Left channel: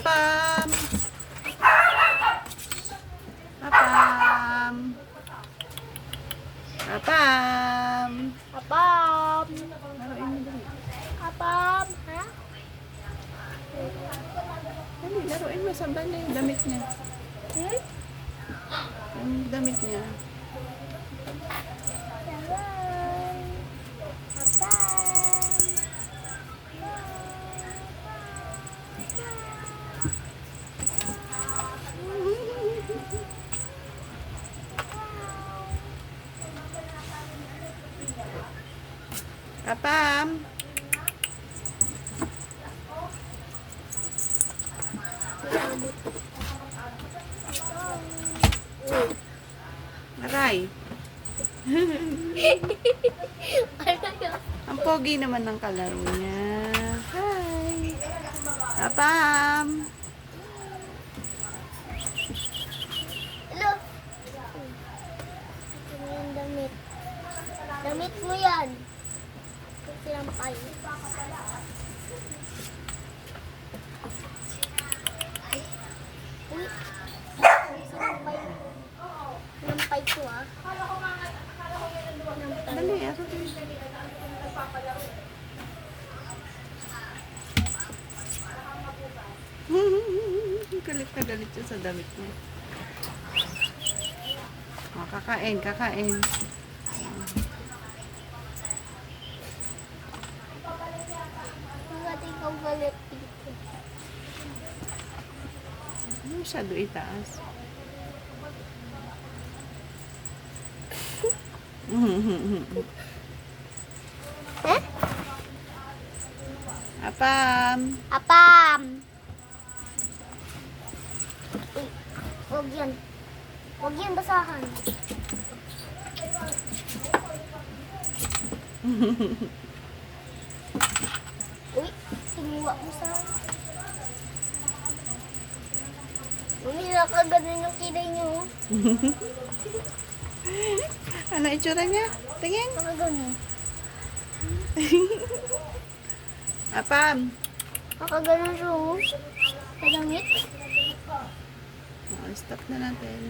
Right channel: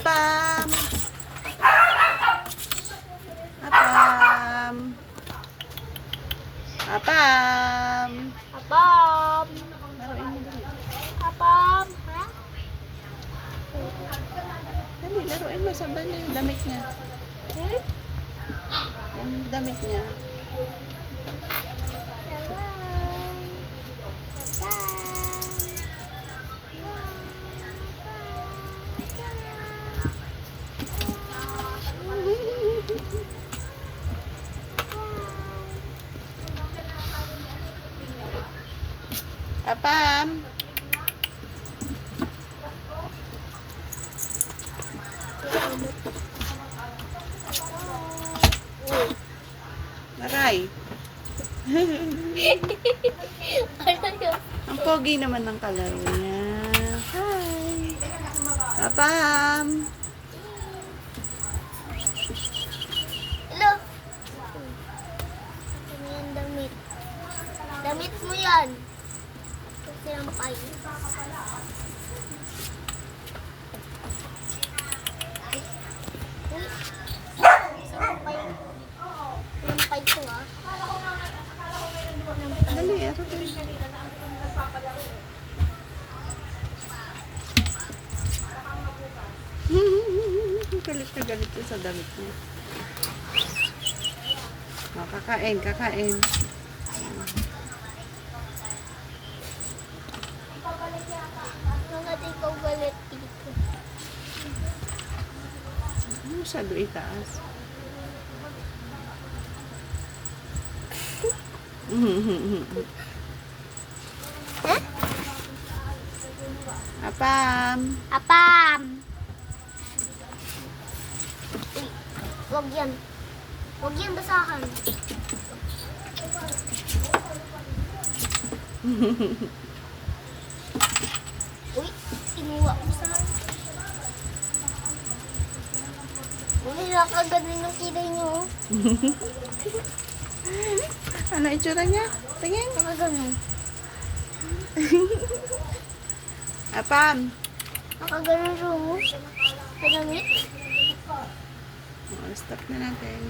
Apam! Apam! Apam! Apam! Laruin mo dali. Apam! Ha? Dali, laruin mo. Saan ba niya yung damit niya? Hmm? Yung damit niya. Apam! Aray! Ang pogi naman ng kalaro niya. Hi! Apam! Hello? Ano yung damit? Damit mo yan. Sinampay. Uy. Sinampay. Sinampay ko ah. Sinampay. Dali, ako din. Galit na galit siya sa damit niya. O, kakain, kakain. Mga di ko galit dito. Ano masyado itaas? Huh? Apam! Apam! Uy, wag yan. Wag yan basahan. Uy, inuwa mo sa... Uy, nakaganon yung kilay niyo. Ano itsura niya? Tingin. Nakaganon. Apam! Nakaganon siya. Sa damit. O, stop na natin.